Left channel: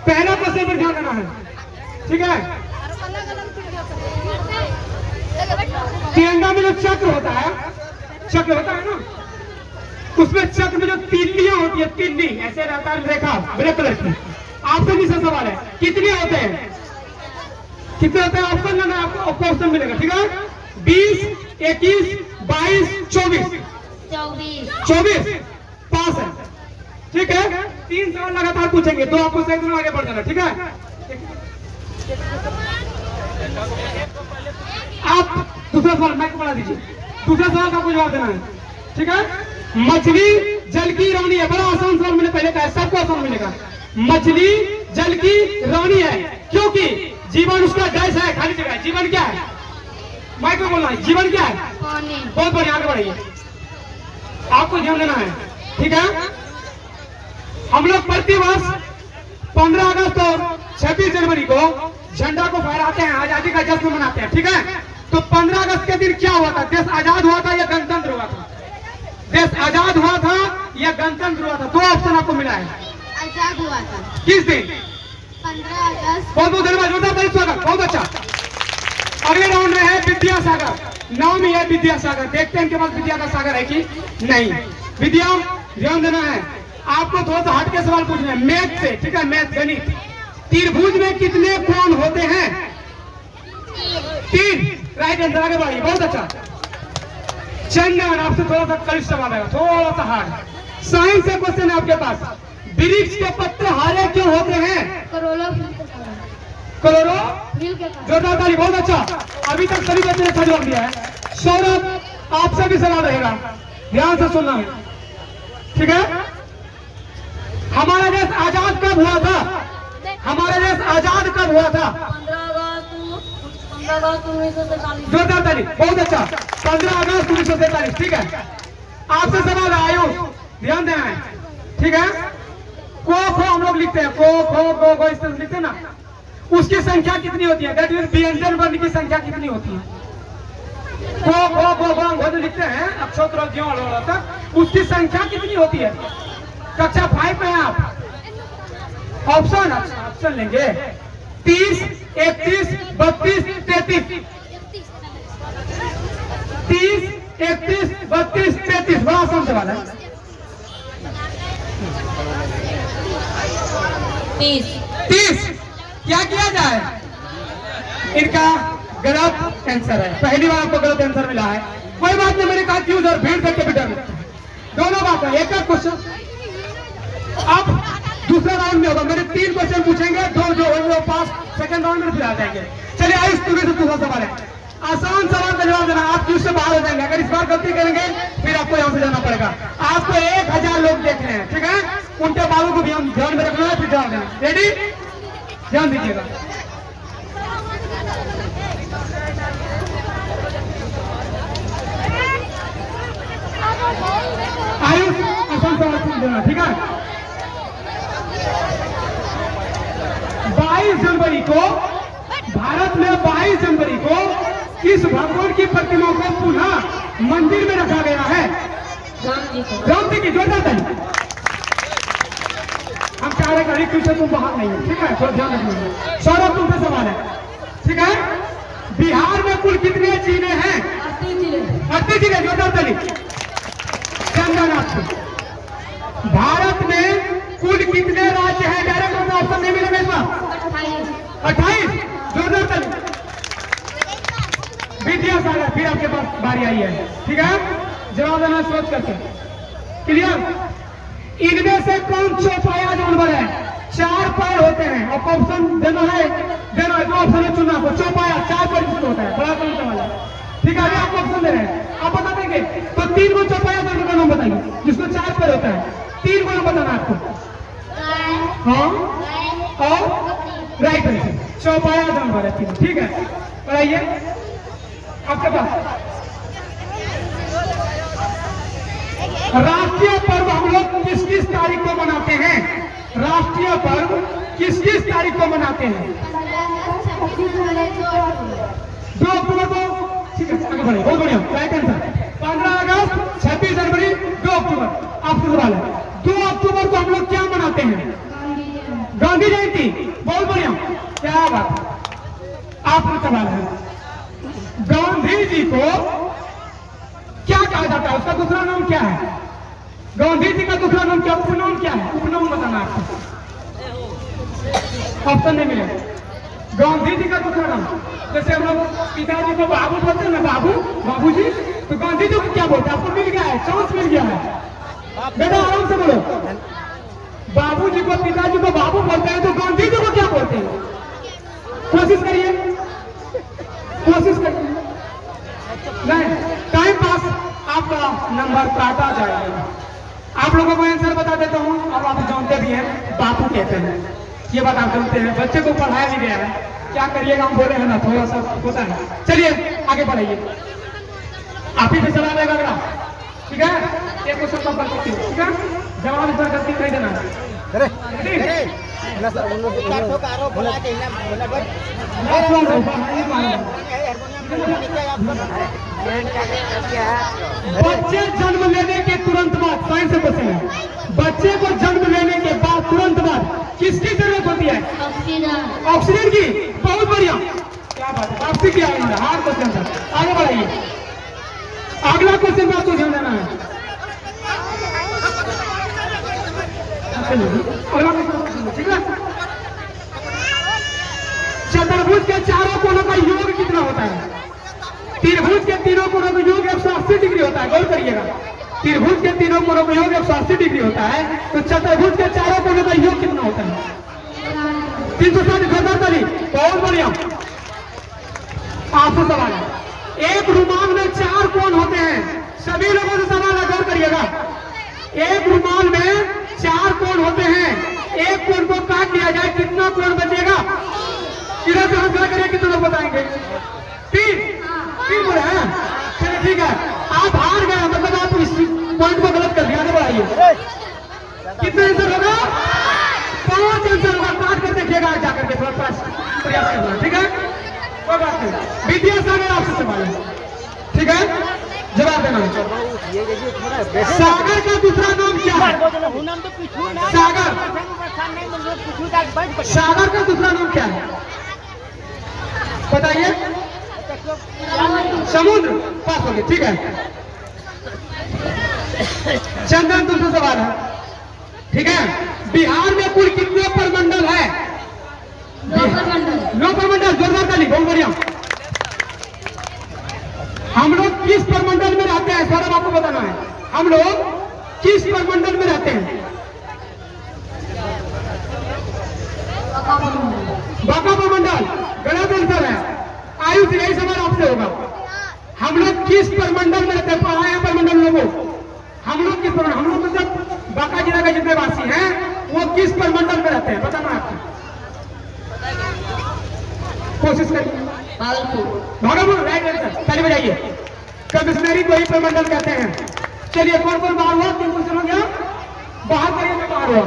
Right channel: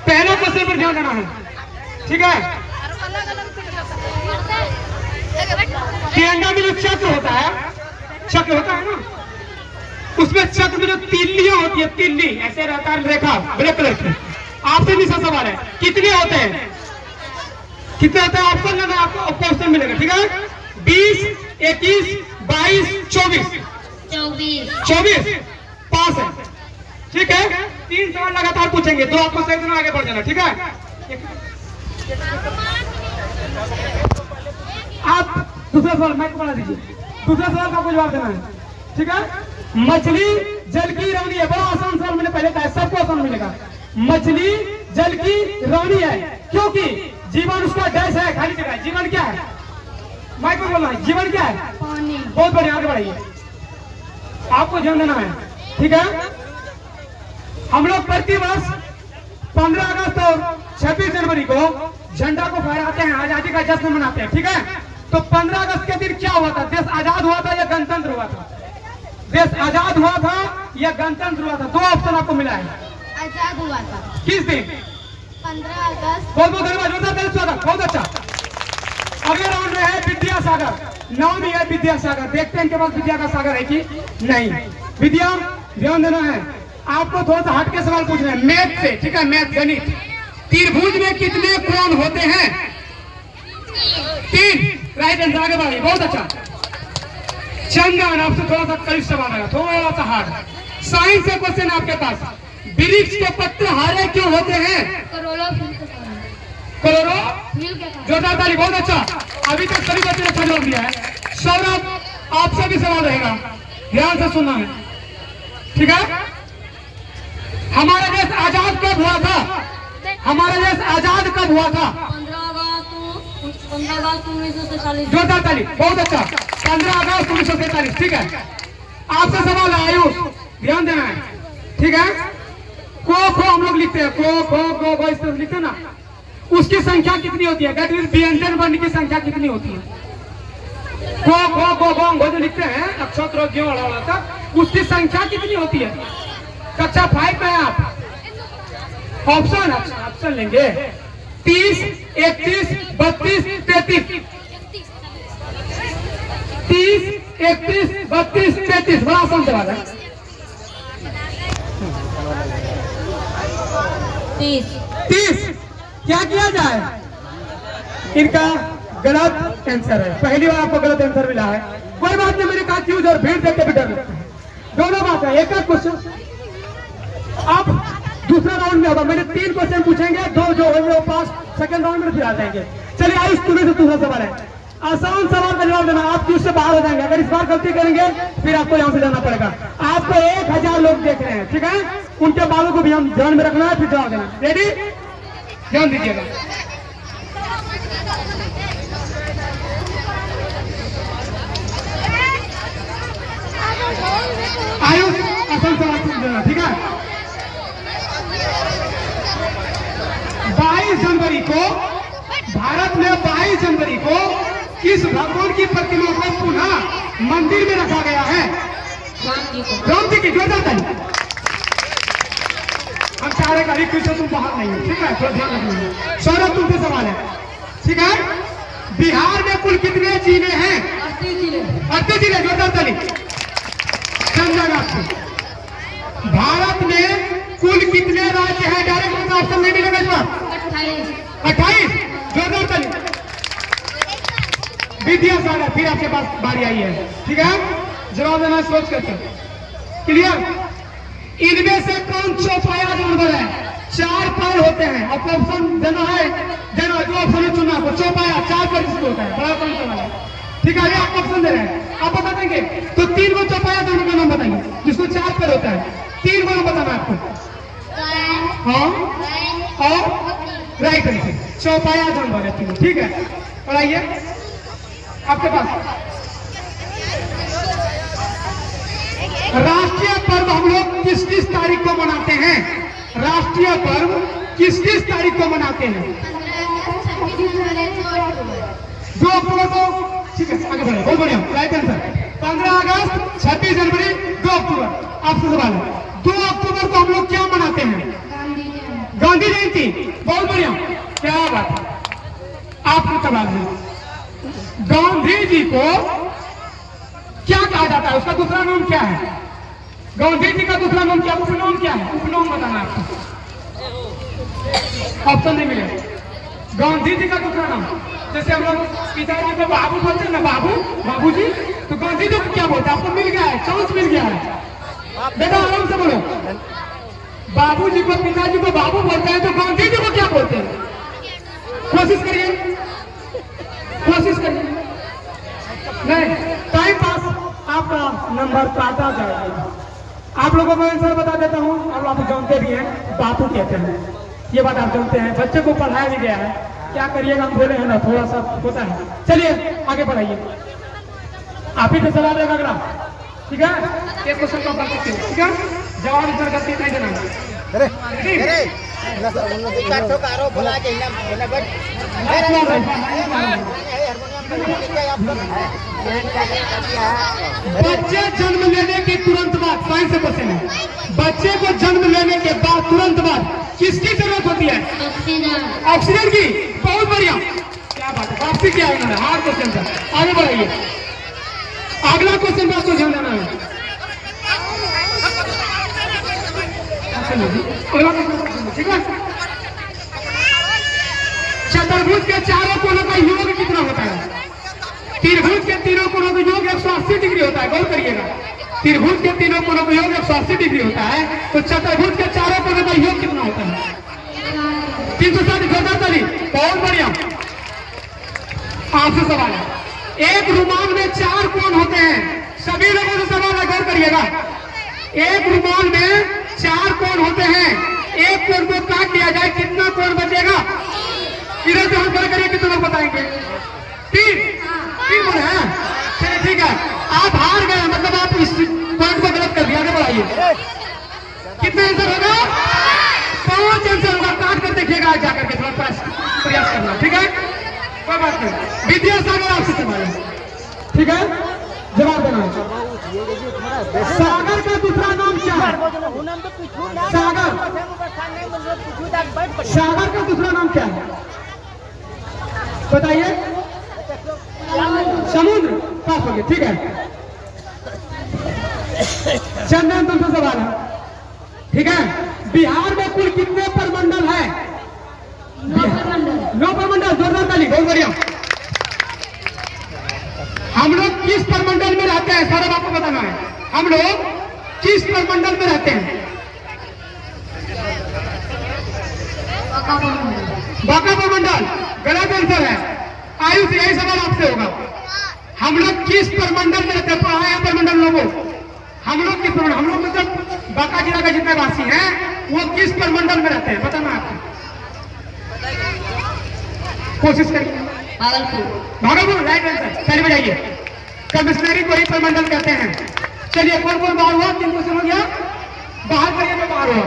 पहला क्वेश्चन पर ध्यान देना है, ठीक है। तिरंगा में जो चक्र होता है, चक्र होता है ना, उसमें चक्र में जो तिल्लियां होती है, तिल्ली ऐसे रहता है रेखा ब्लैक कलर की। आपसे भी सवाल है, कितने होते हैं, कितने होते हैं? ऑप्शन लेना, आपको ऑप्शन मिलेगा, ठीक है। 20, 21, 22, 24। 24 पास है, ठीक है। 3 सवाल लगातार पूछेंगे, 2 आपको सही देना, आगे बढ़ जाना, ठीक है। आप दूसरा सवाल मैच बना दीजिए, दूसरा सवाल का जवाब देना है, ठीक है। मछली जल की रानी है, बड़ा आसान सवाल मैंने पहले कहा, सबको आसान मिलेगा। मछली जल की रानी है क्योंकि जीवन उसका गैस है, खाली जगह है। जीवन क्या है? माइक में बोलना है, जीवन क्या है? पानी। बहुत बढ़िया, आगे बढ़ाइए, आपको ध्यान देना है, ठीक है। हम लोग प्रति वर्ष 15 अगस्त और 26 जनवरी को झंडा को फहराते हैं, आजादी का जश्न मनाते हैं, ठीक है। तो 15 अगस्त के दिन क्या हुआ था? देश आजाद हुआ था या गणतंत्र हुआ था? देश आजाद हुआ था या गणतंत्र हुआ था? 2 ऑप्शन आपको मिला है। आजाद हुआ था। किस दिन? 15 अगस्त। बहुत बहुत धन्यवाद, जोरदार स्वागत, बहुत अच्छा। अगले राउंड में है विद्यासागर, नाम ही है विद्यासागर, देखते हैं इनके पास विद्या का सागर है कि नहीं। विद्या, ध्यान देना है, आपको थोड़ा सा हटके सवाल पूछना है मैथ से, ठीक है। मैथ, गणित। त्रिभुज में कितने कोण होते हैं? 3, राइट आंसर, आगे बढ़िए, बहुत अच्छा। चंदन, आपसे थोड़ा सा करीब सवाल है, थोड़ा सा हार्ड। साइंस से क्वेश्चन आपके पास, वृक्ष के पत्ते हरे क्यों होते हैं? कलोरो, जोरदार ताली, बहुत अच्छा। अभी तक सभी बच्चों ने अच्छा जवाब दिया है। सौरभ, आपसे भी सवाल रहेगा, ध्यान से सुनना है, ठीक है। हमारा देश आजाद कब हुआ था? हमारा देश आजाद कब हुआ था? 15 अगस्त 1943। जोरदार ताली, बहुत अच्छा। 15 अगस्त 1943, ठीक है। आपसे सवाल है आयुष, ध्यान देना है, ठीक है। को खो हम लोग लिखते हैं, को खो गो गो, इस तरह लिखते हैं ना, उसकी संख्या कितनी होती है? व्यंजन वर्ण की संख्या कितनी होती है? को खो गो गो जो लिखते हैं अक्षर तक, उसकी संख्या कितनी होती है? कक्षा 5 में आप ऑप्शन, अच्छा ऑप्शन लेंगे। 30, 31, 32, 33। 30, 31, 32, 33, बड़ा आसान सवाल है। 30 क्या किया जाए? इनका गलत आंसर है, पहली बार आपको गलत आंसर मिला है। कोई बात नहीं, मैंने कहा क्यों और भीड़ देख के भी डर लगता है, दोनों बात है। एक क्वेश्चन अब दूसरा राउंड में होगा, मेरे 3 क्वेश्चन पूछेंगे, 2 जो होंगे वो पास सेकंड राउंड में फिर आ जाएंगे। चलिए आयुष, तुम्हें से दूसरा सवाल है, आसान सवाल का जवाब देना, आप क्यों से बाहर हो जाएंगे। अगर इस बार गलती करेंगे फिर आपको यहाँ से जाना पड़ेगा। आपको 1000 लोग देख रहे हैं, ठीक है, उनके बालों को भी हम ध्यान में रखना है, फिर जवाब देना। रेडी? ध्यान दीजिएगा। आयुष, आसान सवाल पूछ देना, ठीक है। 22 जनवरी को, भारत में 22 जनवरी को किस भगवान की प्रतिमा को पुनः मंदिर में रखा गया है? राम जी की, जोरदार ताली। हम चाह रहे कभी क्यों तुम बाहर नहीं हो, ठीक है, तो ध्यान रखना। सौरभ, तुमसे सवाल है, ठीक है। बिहार में कुल कितने जिले हैं? 38 जिले, जोरदार ताली। चंदन, आपसे, भारत में कुल कितने राज्य हैं? डायरेक्ट ऑप्शन नहीं मिलेगा इस बार। 28, जोरदार ताली। विद्यासागर, फिर आपके पास बारी आई है, ठीक है, जवाब देना सोच करके, क्लियर। इनमें से कौन चौपाया जानवर है? 4 पैर होते हैं, और ऑप्शन देना है, जो ऑप्शन चुना आपको, चौपाया 4 पैर किसको होता है? बड़ा कौन सा वाला, ठीक है। आप ऑप्शन दे रहे हैं, आप बता देंगे तो 3 को चौपाया जानवर का नाम बताइए, जिसको 4 पैर होता है। 3 को नाम बताना आपको। हाँ, और राइट आंसर, चौपाया जानवर है 3, ठीक है। और आइए आपके पास राष्ट्रीय पर्व हम लोग किस किस तारीख को मनाते हैं? राष्ट्रीय पर्व किस किस तारीख को मनाते हैं? 2 अक्टूबर को, ठीक है, आगे बढ़े, बहुत बढ़िया, राइट आंसर। 15 अगस्त, 26 जनवरी, 2 अक्टूबर। आपसे सवाल है, 2 अक्टूबर को हम लोग क्या मनाते हैं? गांधी जयंती, बहुत बढ़िया, क्या बात है। आपका सवाल है, गांधी जी को क्या कहा जाता है, उसका दूसरा नाम क्या है? गांधी जी का दूसरा नाम क्या, उपनाम क्या है? उपनाम बताना है आपको, ऑप्शन नहीं मिलेगा। गांधी जी का दूसरा नाम, जैसे हम लोग पिताजी को बाबू बोलते हैं ना, बाबू बाबू जी, तो गांधी जी को क्या बोलते हैं? आपको मिल गया है, चांस मिल गया है, बेटा आराम से बोलो। बाबू जी को, पिताजी को बाबू बोलते हैं, तो गांधी जी को क्या बोलते हैं? कोशिश करिए, कोशिश करिए। नहीं, टाइम पास, आपका नंबर काटा जाएगा। आप लोगों को आंसर बता देता हूँ, और आप जानते भी हैं, बापू कहते हैं, ये बात आप जानते हैं, बच्चे को पढ़ाया भी गया है। क्या करिएगा, हम बोले हैं ना, थोड़ा सा होता है। चलिए आगे बढ़ाइए, आप ही पे सवाल आएगा अगला, ठीक है? एक क्वेश्चन का कर सकते हो, ठीक है? जवाब इस पर गलती नहीं देना है। बच्चे जन्म लेने के तुरंत बाद, साइंस से क्वेश्चन है, बच्चे को जन्म लेने के बाद तुरंत बाद किसकी जरूरत होती है? ऑक्सीजन की। बहुत बढ़िया, क्या बात है, वापसी किया उन्होंने हार्ड क्वेश्चन था। आगे बढ़ाइए, अगला क्वेश्चन आपको ध्यान देना है। ठीक है, चतुर्भुज के चारों कोनों का योग कितना होता है? त्रिभुज के तीनों कोनों का योग 180 डिग्री होता है, गौर करिएगा। त्रिभुज के तीनों कोनों का योग 180 डिग्री होता है, तो चतुर्भुज के चारों कोनों का योग कितना होता है? 360। बहुत बढ़िया, आपसे सवाल है, एक रुमाल में 4 कोण होते हैं, सभी लोगों से सवाल है, गौर करिएगा। एक रुमाल में 4 कोण होते हैं, एक कोण को काट दिया जाए, कितना कोण बचेगा? इधर से हम क्या करिए, कितने लोग बताएंगे? 3 बोले हैं। चलिए ठीक है, आप हार गए, मतलब आप इस पॉइंट को गलत कर दिया। आगे बढ़ाइए, कितने आंसर होगा? 5 आंसर होगा, काट कर देखिएगा जाकर के, थोड़ा प्रयास करना, ठीक है? कोई बात नहीं, विद्यासागर आपसे सवाल है, ठीक है? जवाब देना। सागर का दूसरा नाम क्या है? सागर, सागर का दूसरा नाम क्या है, बताइए? समुद्र, पास हो गए, ठीक है? चंदन तुमसे सवाल है, ठीक है? बिहार में कुल कितने प्रमंडल है? 9 प्रमंडल, जोरदार ताली, बहुत बढ़िया। हम लोग किस प्रमंडल में रहते हैं, सारा बात को बताना है। हम लोग किस प्रमंडल में रहते हैं? बांका प्रमंडल, गलत आंसर है। आयुष, यही सवाल आपसे होगा, हम लोग किस प्रमंडल में रहते हैं? पढ़ा है प्रमंडल लोगों, हम लोग किस प्रमंडल, हम लोग मतलब बांका जिला के जितने वासी हैं वो किस प्रमंडल में रहते हैं, बताना आपको, कोशिश करिए। भागलपुर, राइट आंसर, ताली बजाइए। कमिश्नरी को ही प्रमंडल कहते हैं। चलिए, कौन कौन बाहर हुआ? 3 क्वेश्चन हो गया, बाहर करिए तो बाहर हुआ।